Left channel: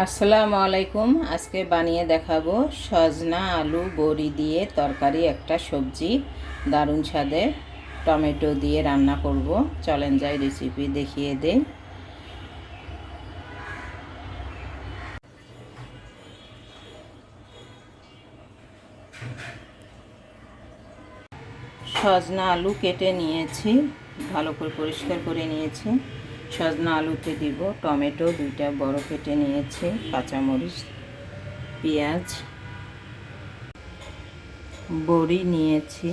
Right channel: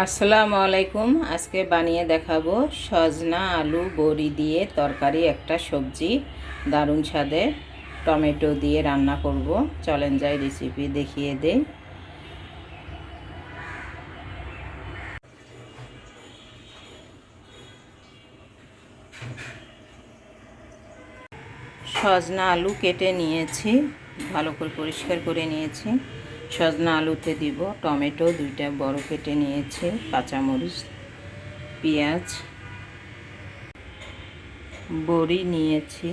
আসসালামু আলাইকুম। আজকে বানিয়ে দেখাবো সজনা আলু বড়ি দিয়ে তরকারি একটা সবজি, দারুণ স্বাদে টমেটো দিয়ে রান্না করব। চলেন যাই রেসিপি দেখিয়ে দেই। সজনা আলু কেটে নিয়েছি, ভালো করে পরিষ্কার করে নিয়েছি। সজনা আলুতে দিব টমেটো দুইটা বড় কেটে নিয়েছি, কাঁচামরিচ, পেঁয়াজ, বড়ি নিয়েছি।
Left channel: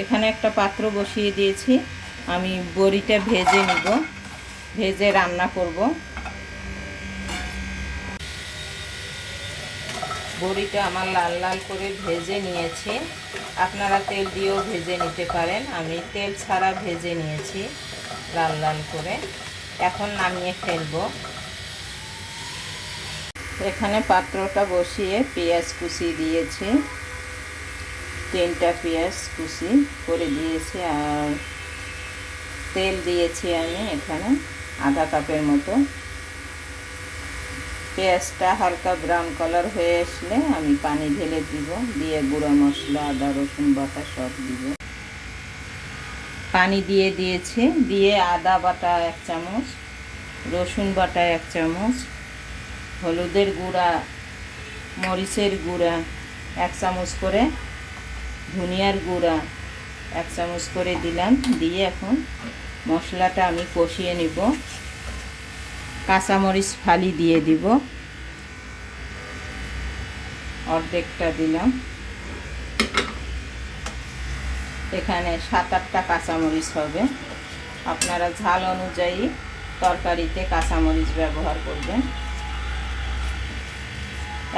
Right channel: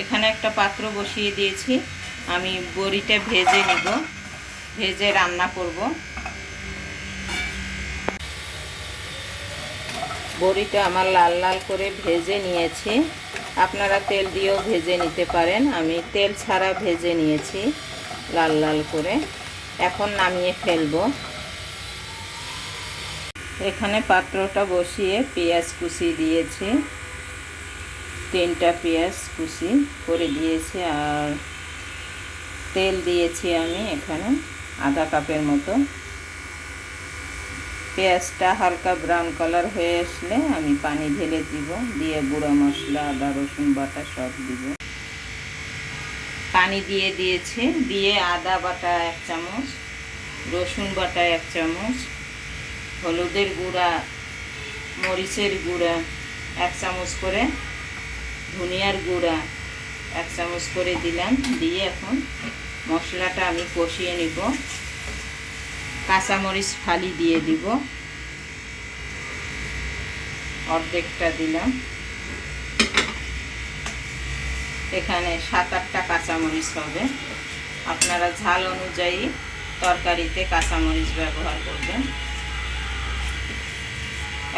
এখানে একটা পাত্র বসিয়ে দিয়েছি, আমি বড়িটা ভেজে নিব, ভেজে রান্না করব। বড়িটা আমার লাল লাল করে ভেজে নিয়েছি, আপনারা তেল দিয়েও ভেজে নিতে পারেন। আমি তেল ছাড়া ভেজে নিয়েছি লাল লাল করে। এখন নামিয়ে ফেলবো। এখানে পাত্রটা বসিয়ে পেঁয়াজ কুচি দিয়েছি, 3টা পেঁয়াজ কুচি করে দিয়েছি। আর তেল দিয়েছি আমি এখানে আধা কাপের মতো। পেঁয়াজটা হালকা ব্রাউন কালার হয়ে আসলে আমি পানি ঢেলে দিব, দিয়ে গুঁড়া মশলা, আদা রসুন বাটা সব দিব। পানি দিয়ে দিয়েছি, দিয়ে আদা বাটা 1 চামচ, রসুন বাটা 1 চামচ, হলুদের গুঁড়া, মরিচের গুঁড়া 1 চামচ করে, ধনিয়ার গুঁড়া 1 চামচ করে দিলাম। দিয়ে এখন মশলাটা আমি কষিয়ে নিব। কাঁচামরিচ ফালি দিয়ে দিব, অর্ধেকটা দিলাম। এখানে 7-8টা কাঁচামরিচ হবে, আপনারা ঝাল অনুযায়ী তরকারিতে কাঁচামরিচ ব্যবহার করবেন।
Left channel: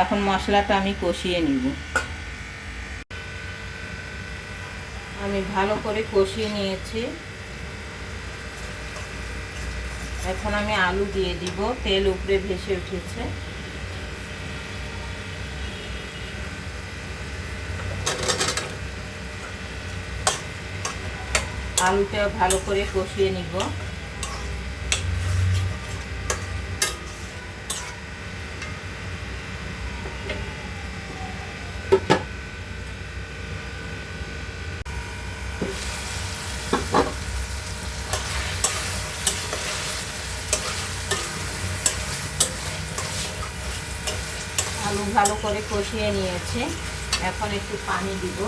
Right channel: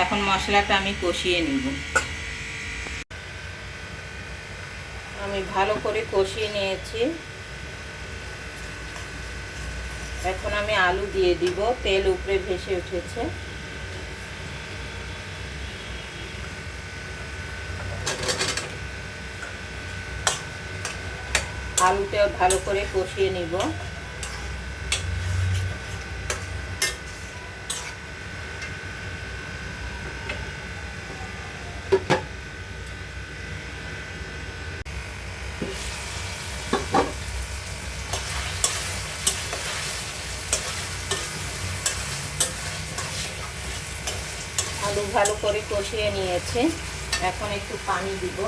এখন মশলাটা আমি কষিয়ে নিব। আমি ভালো করে কষিয়ে নিয়েছি। এখন আমি আলু দিয়ে দিব, তেল উপরে ভেসে উঠেছে। আলুটা ভালো করে কষিয়ে নিব। আলু ভালো করে কষিয়ে নিয়েছে, এখন একটু পানি দিব।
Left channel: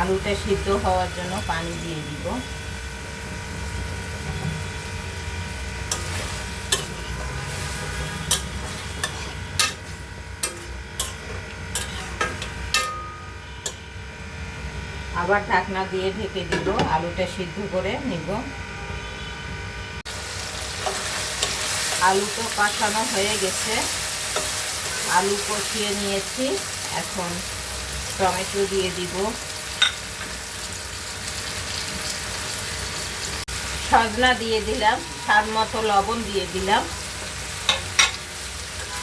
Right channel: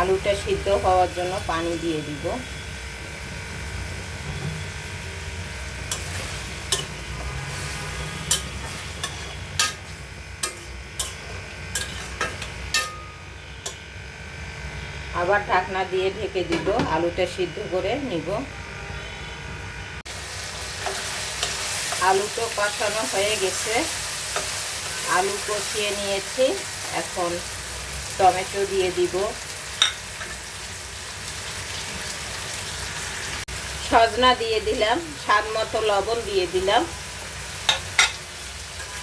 আলুটা সিদ্ধ হওয়ার জন্য পানি দিয়ে দিব। আবার ঢাকনা দিয়ে ঢেকে দিব, আলুটা সিদ্ধ করে নিব। আলু তো কষানো হয়ে গেছে, আলু কষিয়ে নিয়েছি। এখন টমেটো দিয়ে দিব, সজনা দিয়ে দিলাম, স্বাদ মতো লবণ দিয়ে দিলাম।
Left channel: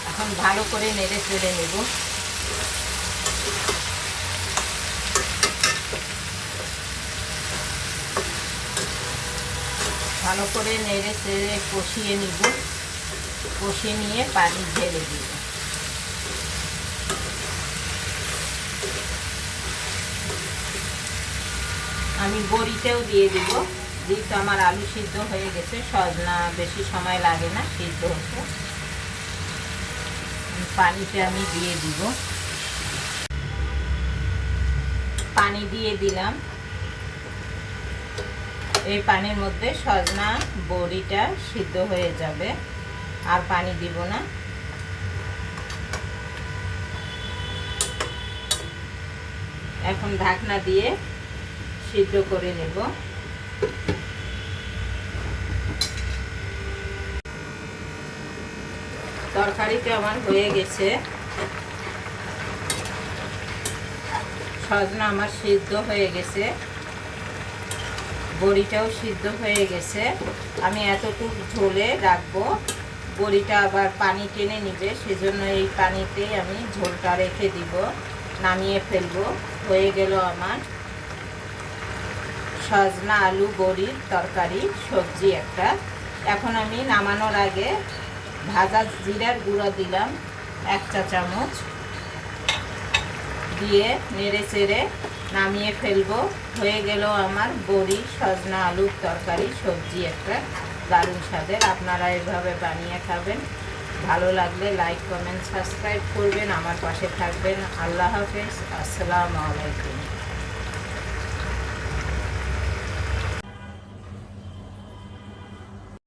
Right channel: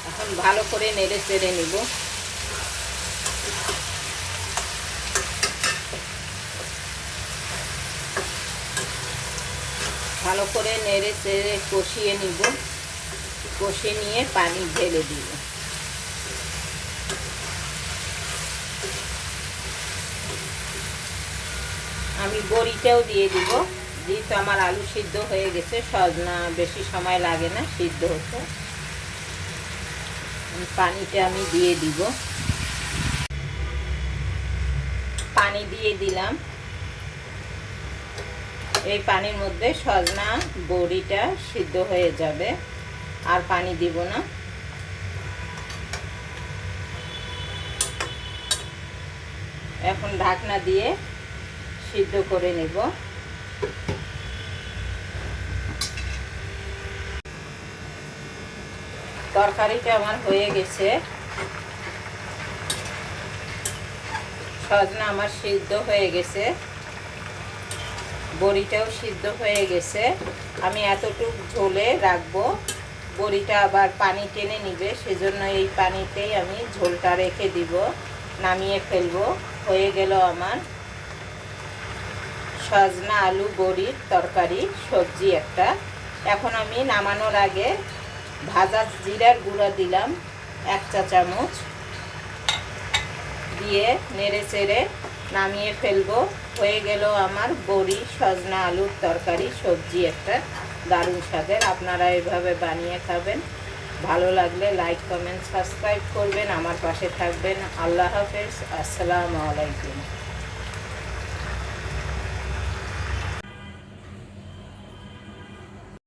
এখন ভালো করে নেড়ে চেড়ে নেব। ভালো করে নেড়ে চেড়ে কষিয়ে নিব। কষিয়ে নিয়ে পানি ঢেলে দিব। আমি বড়িটাও দিয়ে দিব, যেহেতু আমার আলু সিদ্ধ হয়ে গেছে, সজনা বেশি সময় লাগে না সিদ্ধ হতে। পানিটা আমি দিয়ে দিব, পানি দিয়ে দিলাম। এই পানির মধ্যে সজনা বড়িটা সিদ্ধ হয়ে যাবে, আর পানি দিব না। এখন ঢাকনা দিয়ে সিদ্ধ করে নেব। তরকারিটা আমার হয়ে গেছে, সজনা আমার সিদ্ধ হয়ে গেছে, বড়িটাও সিদ্ধ হয়ে গেছে। আমি এতটুকু ঝোলে রাখবো, বড়িটা আবার পানি টেনে নিবে, সেজন্য এই পানিতেই আমি ঝোলটা রেখে দিব, নামিয়ে ফেলবো। হয়ে গেল আমার সজনা আলু বড়ির তরকারি সবজি একটা। এখন আমি নামানোর আগে ভাজা জিরার গুঁড়া দিলাম 1 চা চামচ, দিয়ে নেড়ে চেড়ে নামিয়ে ফেলবো। হয়ে গেল আমার বড়ি সজনা আলুর তরকারি, সবজি একটা দারুণ স্বাদের। আপনারা এভাবে বানিয়ে খাবেন। ভালো লাগলে লাইক কমেন্ট সাবস্ক্রাইব করবেন, আমার পাশে থাকবেন। আল্লাহ হাফেজ, আসসালামু আলাইকুম।